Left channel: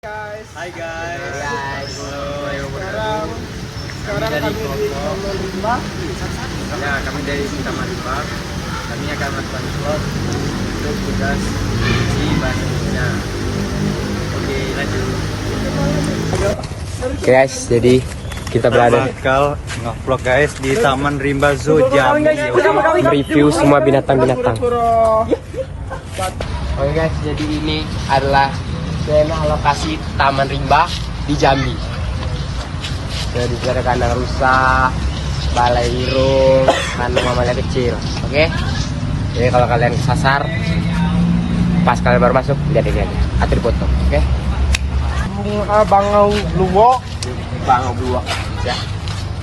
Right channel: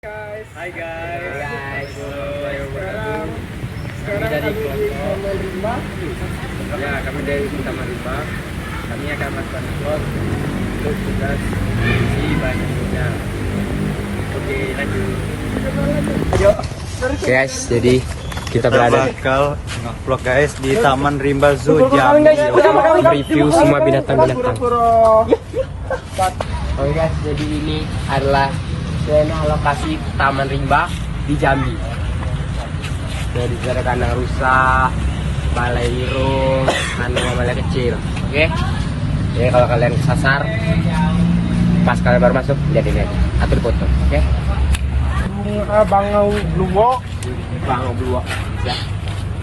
Guys. Hai guys. Sekarang Kami dari kami di Koto. Taman Rimba. Ya, kami dari Taman Rimba. Kami akan melakukan slot untuk tugas isi bahasa Indonesia. Oke, lanjut. Oke guys, jadi kita berada Bakal vlog guys di Taman Rimba Zoo Jambi. mereview semua binatang-binatang. Pura-pura. Oke guys, jadi ini adalah zona lokasi Taman Rimba di Jambi. Jadi ada kandang rusa, balai ireng, kandang mamalia kecil. Oke. Jadi kalau kalian kesasar, pas kalian baru masuk, lihat ini aja. Atur foto. Oke. Bangau Blue. Bangau Blue. Ya.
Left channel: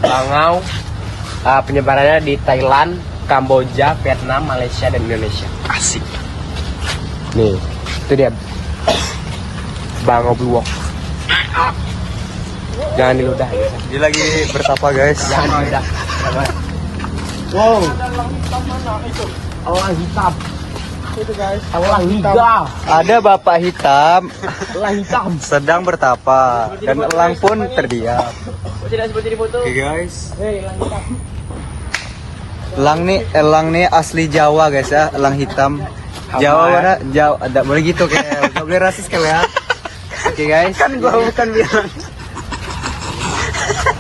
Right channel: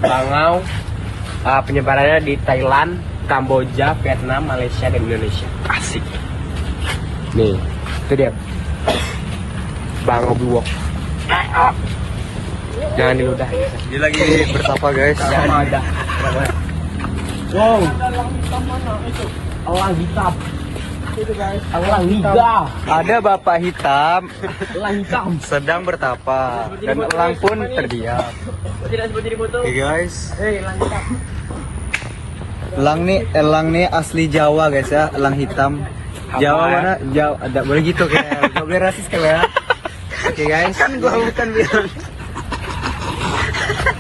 Bangau penyebarannya di Thailand, Kamboja, Vietnam, Malaysia, dan Indonesia. Asik. Nih, itu dia. Bangau Blue. Jangan diludahin. Dia lagi berpapa guys. Jangan ada. Wow. Elang hitam mana itu? Elang hitam. Itu guys. Elang hitam. Ada bapak hitam Elang hitam. sedang bertapa dan elang pun terdiam. Tidak seperti di foto. Oke guys. Elang hitam. Elang nih asli Jawa guys ya, elang hitam. Jawa mana? Jawa, ada boleh gitu kayak, gak boleh rasis kan ya. Oke guys.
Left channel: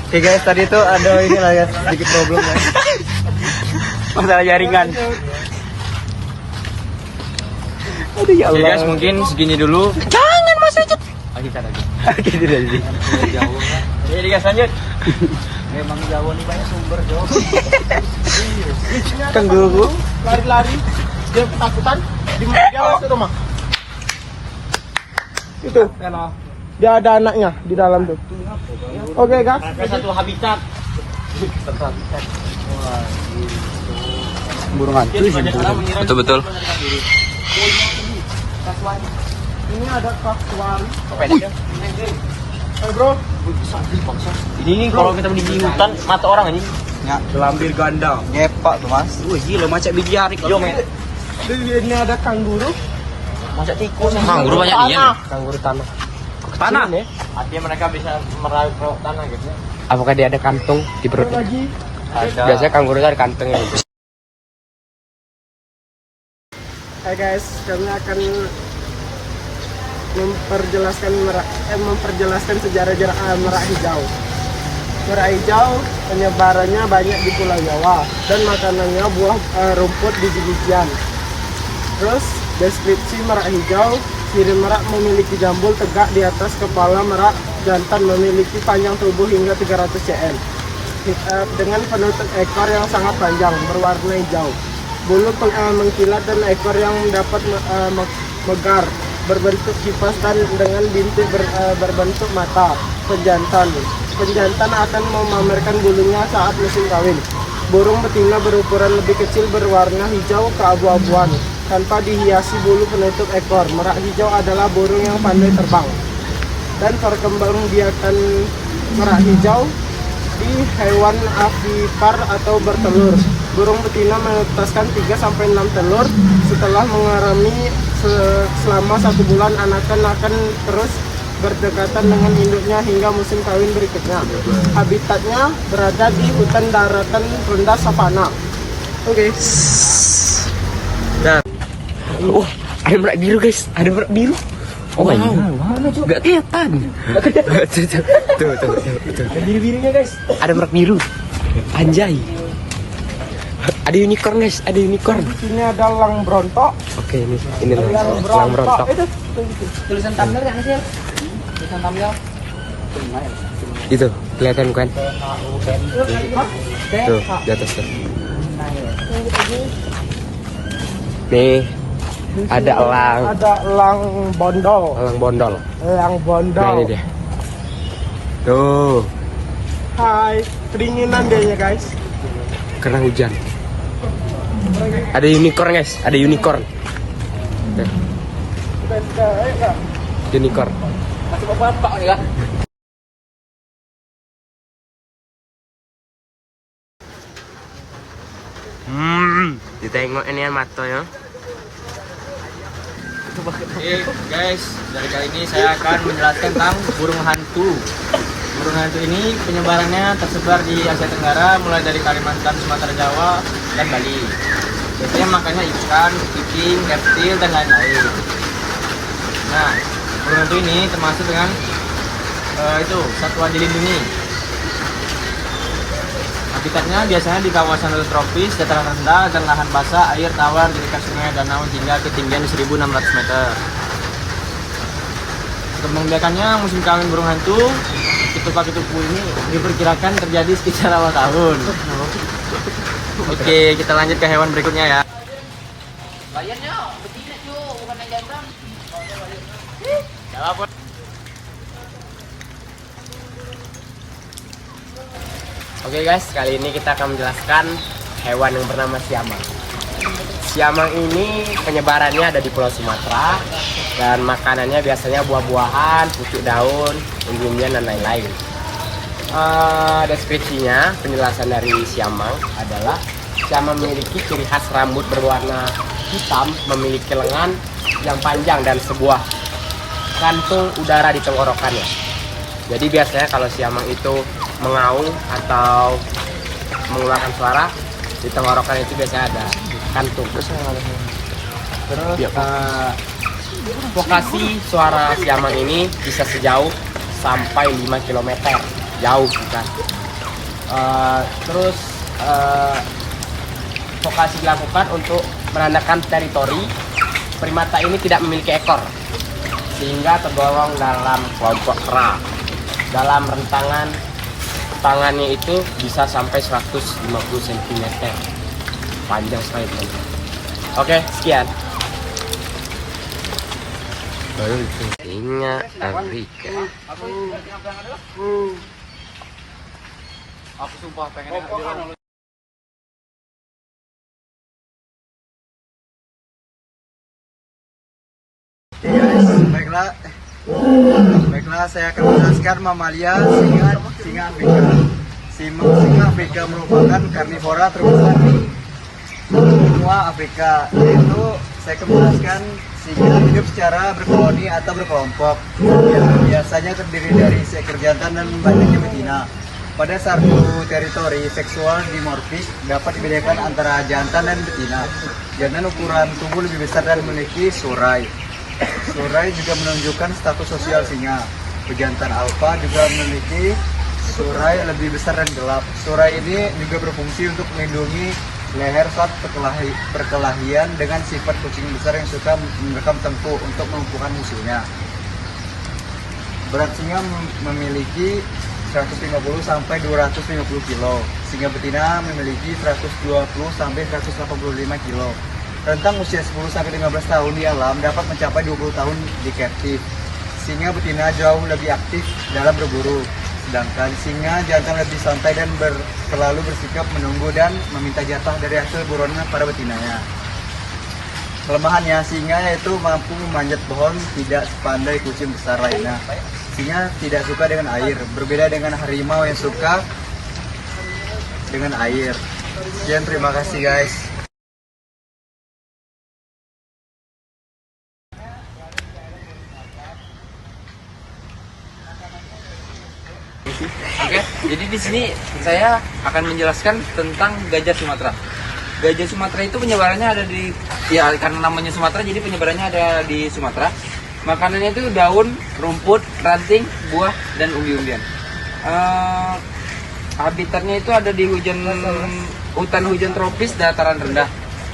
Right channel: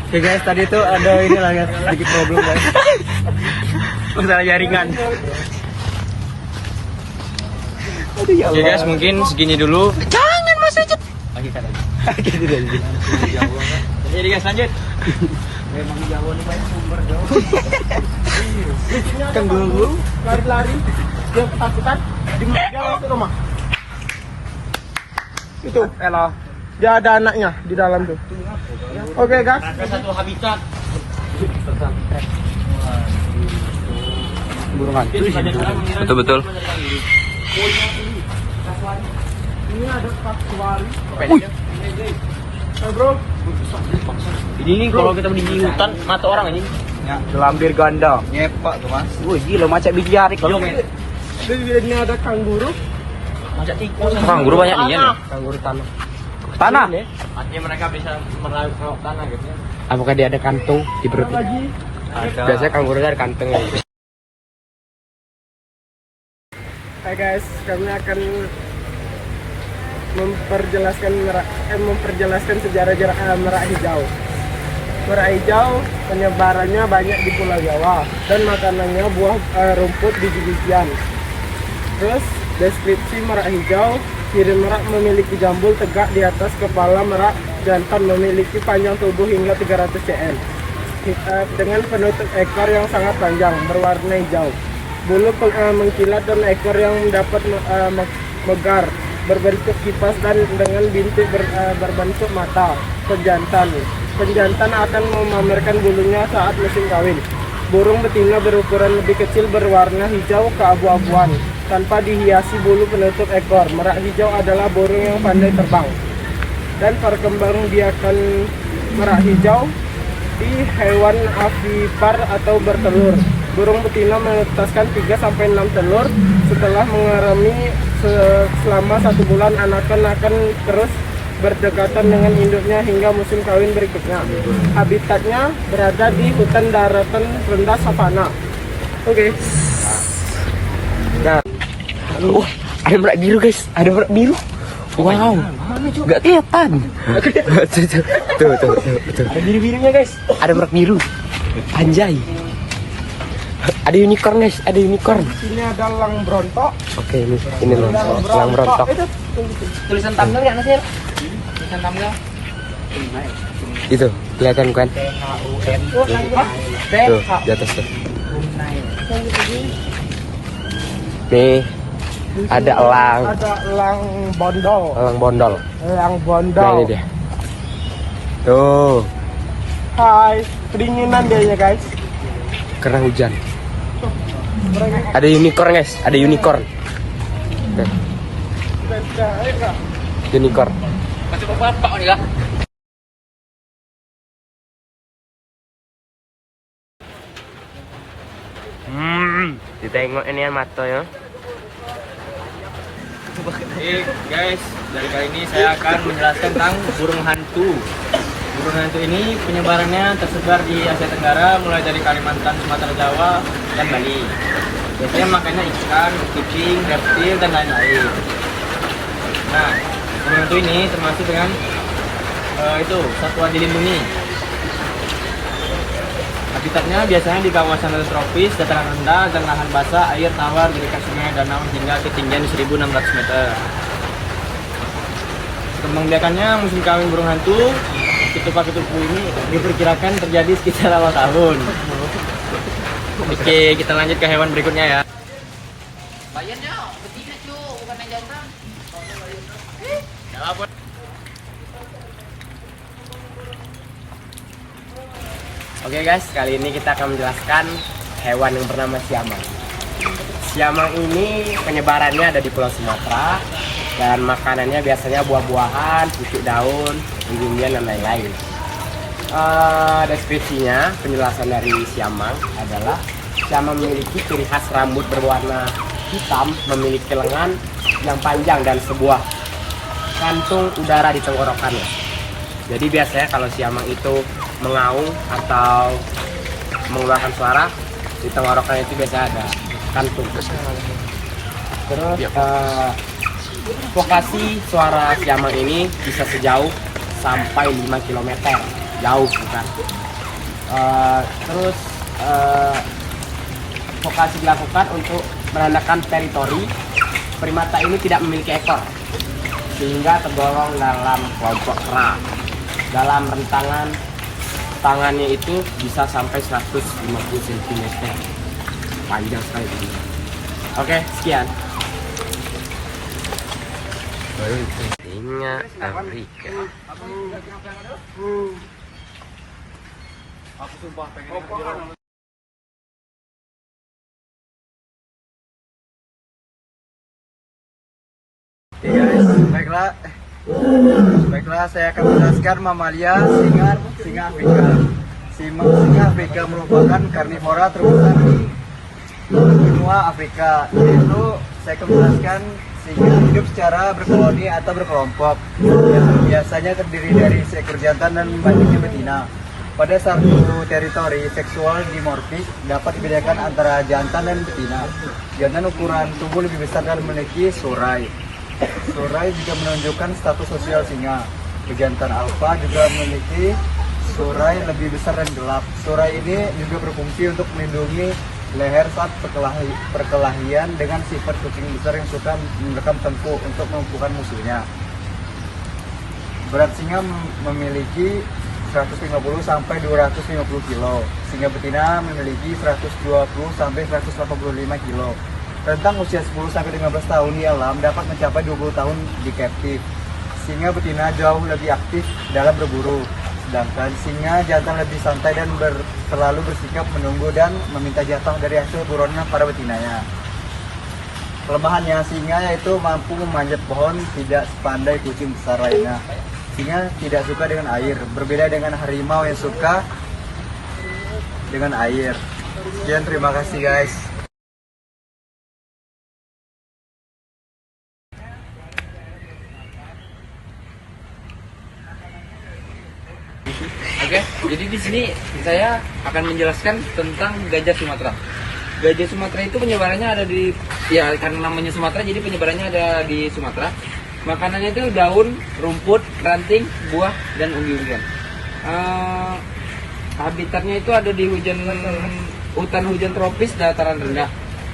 Oke guys, tadi itu ada ini lah guys, sedikit problem guys. Udah jaringan. Oke guys, mungkin segini dulu. Jangan masuk. Lagi kan lagi. Jadi guys lanjut. Memang Jawa nih banyak sumber Jawa. Tengguru. Lari-lari. Dia ketakutan. Di Jawa itu rumah. Itu. Dia ada anaknya di dalam tuh. Oke guys. Satu habitat. Burung hantu. Betul. Ini ada kasuari. Oh bro. Ini kalau kita di hutan mata orang ini. Ya, Ambil ganda. nyepak tuh mas. Wih gila macam biji hari kalau Ini ada kangguru. macam tikus. Kangguru banyak nih ya. Kangguru tanah nih. Artinya mereka bisa merayap ke tanah gitu. Apakah dia ada kantung di perutnya? Lagi. Biasanya kangguru ada kantungnya. Hai guys, kami akan memperjelaskan sejarah merak hijau. Merak hijau penyebarannya banyak di Pulau Jawa dan makanannya buah rumput biji-bijian. Terus deskripsi merak hijau, ciri merak memiliki jambul tegak di atas kepala merak jantan, memiliki panjang tubuh hingga 300 cm dengan penutup ekor yang sangat panjang berwarna hijau. Bulu mengkilat dan ekor yang dapat megar berbentuk kipas dan dengan bintik berbentuk mata. Penjantan akan memamerkan bulunya saat musim kawin. Burung betina berukuran lebih kecil berwarna hijau keabu-abuan tanpa dihiasi bulu penutup ekor. Merak hijau adalah burung yang pandai terbang dan perkembangbiakan merak hijau di hewan avipar atau bertelur. Burung betina menetaskan 3-6 telur. Setelah mengarami selama 1 bulan, anakan akan terus berdekatan dengan induknya hingga musim kawin berikutnya. Habitatnya berada di hutan daratan rendah savana. Oke. Nah, Ada merak biru guys, ada merak biru. Wow, nggak kelihatan. Tuh. Biru-birunya guys. Ada merak biru. Anjay. Ada unicorn guys, ada unicorn. Ini ada elang brontok. Oke, ini elang berontok. Tulisan thumbnail ya Nasir. Tulisan thumbnail. Itu kelihatan kan? Tuh di atas tuh. Nih ada elang. Ada elang bondol. Elang bondol. Elang Nah bondol. ini dia. Tuh, Hai, kedinginan deh ya guys. karena hujan. Ada unicorn guys, ada unicorn. Tuh. Unicorn. Masih bapak nih lah. Ditengok ini mata ya. Oke guys, dari kali ini saya akan menjelaskan tentang burung hantu. Burung hantu ini penyebarannya tersebar di Asia Tenggara, mulai dari Kalimantan, Sumatera, Jawa, dan Bali. Biasanya makannya ikan, kucing, reptil, dan lain-lain. Nah, burung hantu ini termasuk dengan satwa dilindungi. Habitatnya biasanya di kawasan tropis, dataran rendah, dan lahan basah, air tawar di dekat sungai, danau hingga ketinggian 1.600 meter. Kembang-biakannya musim kawin burung hantu, ketupat-ketupu ini diperkirakan terjadi sekitar awal tahun. Oke, kita lanjut ke hewan berikutnya ya. Oke guys, kali ini kita akan menjelaskan hewan yang bernama siamang. Siamang ini penyebarannya ada di Pulau Sumatera dan makanannya biasanya buah-buahan, pucuk daun, umbi-umbian dan lain-lain. Deskripsinya, penjelasan dari siamang adalah siamang memiliki ciri khas rambut berwarna hitam, memiliki lengan yang panjang dan sebuah kantung udara di tenggorokannya. Jadi biasanya kalau siamang itu mengaung atau mengeluarkan suara, di tenggorokan itu biasa ada kantung. Terus vokasi suara siamang ini bisa sejauh sampai 5 km, jauh bukan. Vokasi dilakukan untuk menandakan teritori. Primata ini tidak memiliki ekor sehingga tergolong dalam kelompok kera. Dalam rentangan tangannya itu bisa sampai 150 cm, panjang sekali teman. Oke, sekian. Singa Afrika. Oke guys, baiklah saya akan menjelaskan mamalia singa Afrika. Singa Afrika merupakan karnivora terbesar di benua Afrika. Yaitu saya akan menjelaskan singa hidup secara berkoloni atau berkelompok yang biasanya terdiri dari seekor jantan dan banyaknya betina. Pada satu teritori seksual dimorfis dapat dibedakan antara jantan dan betina. Jantan ukuran tubuh lebih besar dan memiliki surai. Surai juga menunjukkan status sosial singa. Pejantan alfa juga memiliki surai lebih besar dan gelap. Surai ini juga berfungsi untuk melindungi leher saat perkelahian dengan sifat kucing besar yang suka merekam tempur untuk melumpuhkan musuhnya. Berat singa memiliki 150 sampai 250 kg. Singa betina memiliki 120 sampai 185 kg. Rentang usia 10 sampai 15 tahun di alam dapat mencapai 20 tahun di captive. Singa betina jauh lebih aktif dalam berburu, sedangkan singa jantan lebih santai dan selalu bersikap menunggu dan meminta jatah dari hasil buruannya pada betinanya. Kelemahannya, singa yaitu mampu memanjat pohon tidak sepandai kucing besar lainnya. Singa tidak suka dengan air, berbeda dengan harimau yang suka dengan air. Sekian, terima kasih guys. Oke, jadi di sini saya akan menjelaskan tentang gajah Sumatera. Gajah Sumatera itu penyebarannya ada di, ya karena namanya Sumatera jadi penyebarannya ada di Sumatera. Makanannya itu daun, rumput, ranting, buah, dan umbi-umbian. Habitatnya itu ada di hutan hujan tropis dataran rendah.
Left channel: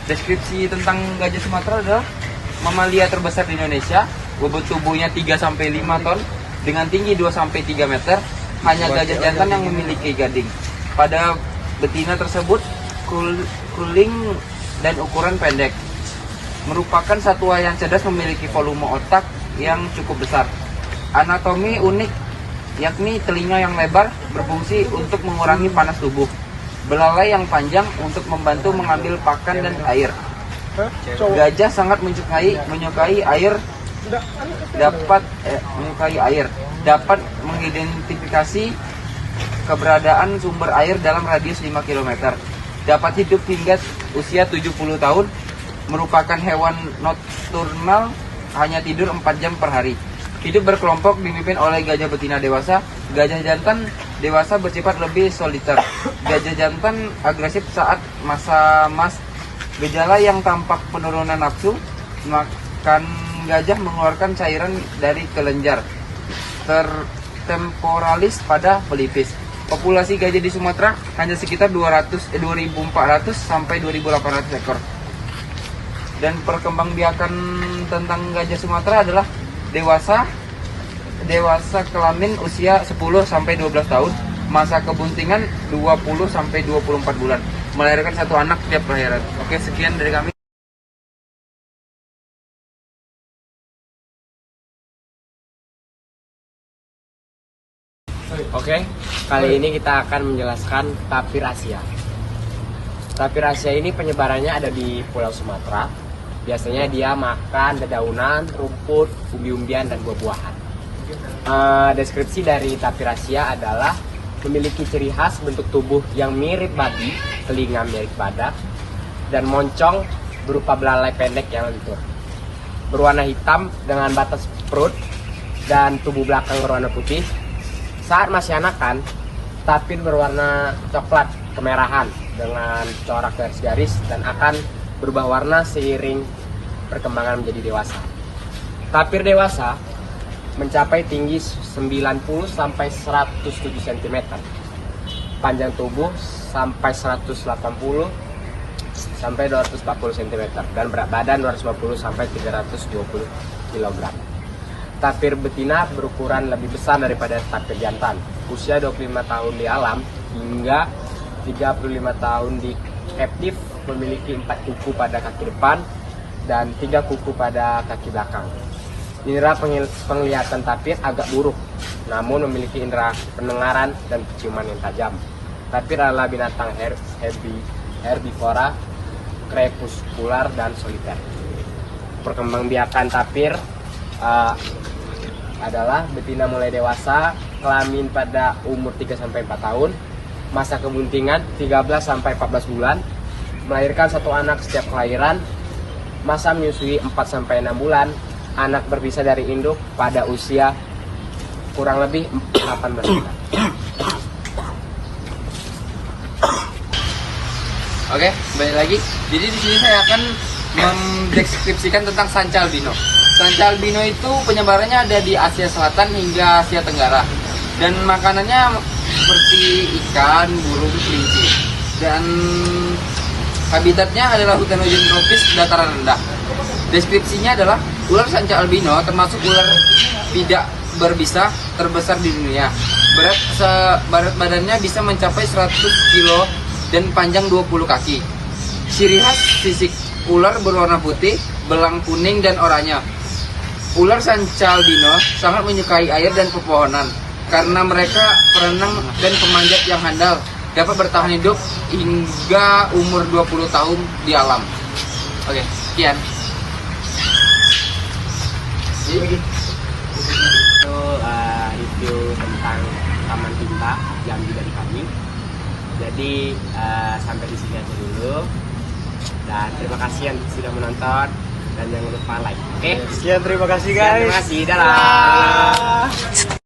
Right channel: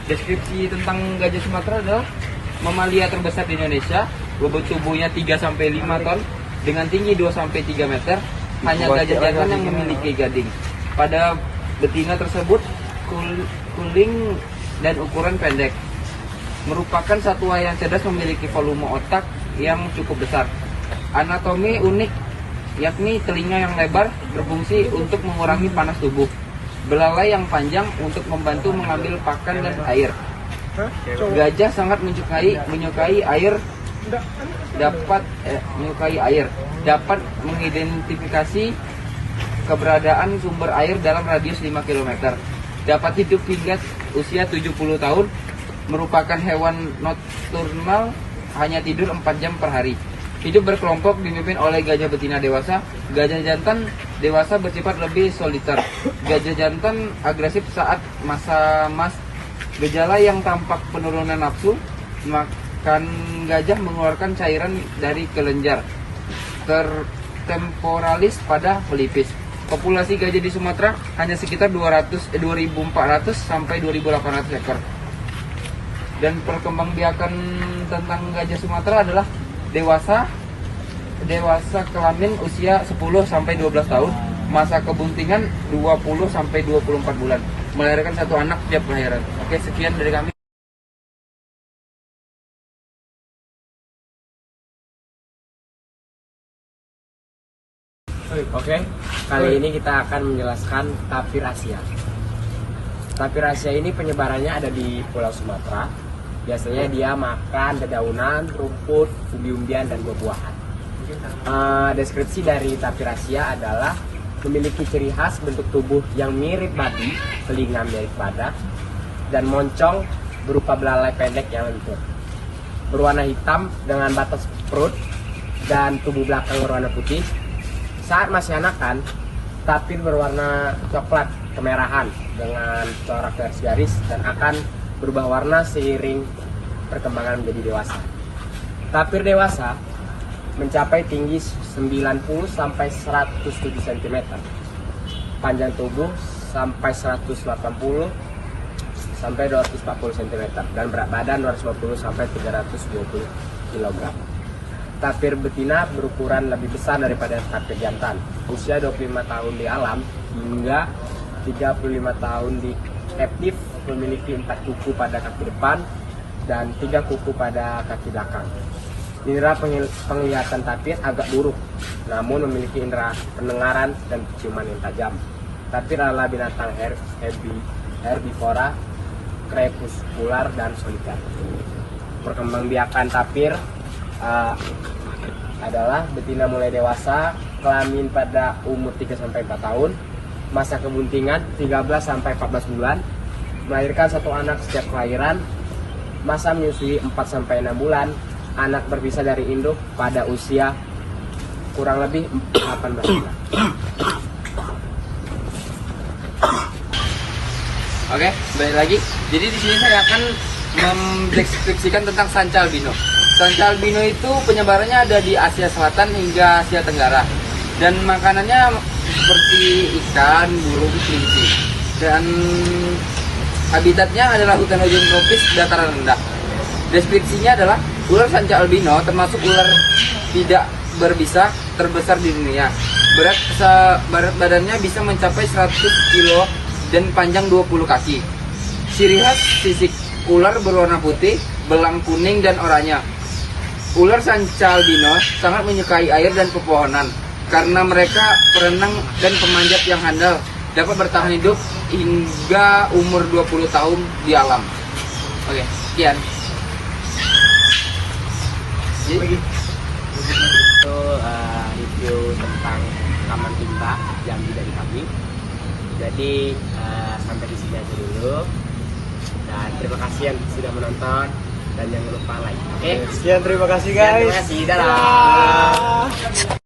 Deskripsi tentang gajah Sumatera adalah mamalia terbesar di Indonesia, bobot tubuhnya 3-5 ton, dengan tinggi 2-3 meter. Hanya gajah jantan yang memiliki gading. Pada betina tersebut kuling dan ukuran pendek. Merupakan satwa yang cerdas, memiliki volume otak yang cukup besar. Anatomi unik, yakni telinga yang lebar berfungsi untuk mengurangi panas tubuh. Belalai yang panjang untuk membantu mengambil pakan dan air. Gajah sangat menyukai air, dapat mengidentifikasi keberadaan sumber air dalam radius 5 km. Dapat hidup hingga usia 70 tahun. Merupakan hewan nokturnal hanya tidur 4 jam per hari. Hidup berkelompok dipimpin oleh gajah betina dewasa. Gajah jantan dewasa bersifat lebih soliter. Gajah jantan agresif saat masa emas. Gejala yang tampak penurunan nafsu, makan gajah mengeluarkan cairan dari kelenjar temporalis pada pelipis. Populasi gajah di Sumatera hanya sekitar 2.400 sampai 2.800 ekor. Dan perkembangbiakan tentang gajah Sumatera adalah dewasa kelamin usia 10 sampai 12 tahun, masa kebuntingan 20 sampai 24 bulan, melahirkan 1 anak tiap kelahiran. Oke, sekian dari kami. Oke, kali ini kita akan menjelaskan tapir Asia. Tapir Asia ini penyebarannya ada di Pulau Sumatera. Biasanya dia makan dedaunan, rumput, umbi-umbian, dan buah-buahan. Deskripsi dari tapir Asia adalah memiliki ciri khas bentuk tubuh yang mirip babi, telinga mirip badak, dan moncong berupa belalai pendek yang lentur. Berwarna hitam dengan batas perut dan tubuh belakang berwarna putih. Saat masih anakan, tapir berwarna coklat kemerahan dengan corak garis-garis dan akan berubah warna seiring perkembangan menjadi dewasa. Tapir dewasa mencapai tinggi 90 sampai 107 cm, panjang tubuh sampai 180 sampai 240 cm, dan berat badan 250 sampai 320 kg. Tapir betina berukuran lebih besar daripada tapir jantan. Usia 25 tahun di alam hingga 35 tahun di aktif, memiliki 4 kuku pada kaki depan dan 3 kuku pada kaki belakang. Indera penglihatan tapir agak buruk, namun memiliki indera pendengaran dan penciuman yang tajam. Tapir adalah binatang herbivora, krepuskular, dan soliter. Perkembangbiakan tapir adalah betina mulai dewasa, kelamin pada umur 3-4 tahun, masa kebuntingan 13-14 bulan, melahirkan 1 anak setiap kelahiran, masa menyusui 4-6 bulan, anak berpisah dari induk pada usia kurang lebih 18 bulan. Oke, balik lagi. Jadi di sini saya akan mendeskripsikan tentang sanca albino. Sanca albino itu penyebarannya ada di Asia Selatan hingga Asia Tenggara. Dan makanannya seperti ikan, burung, kelinci. Dan habitatnya adalah hutan hujan tropis dataran rendah. Deskripsinya adalah ular sanca albino termasuk ular tidak berbisa terbesar di dunia. Berat badannya bisa mencapai 100 kg dan panjang 20 kaki. Ciri khas fisik ular berwarna putih, belang kuning, dan oranye. Ular sanca albino sangat menyukai air dan pepohonan karena mereka perenang dan pemanjat yang handal, dapat bertahan hidup hingga umur 20 tahun di alam. Oke, sekian. Jadi begitu review tentang Taman Rimba Jambi dari kami. Jadi sampai di sini aja dulu. Dan terima kasih yang sudah menonton dan jangan lupa like. Oke? Sekian, terima kasih guys. Terima kasih. Dadah.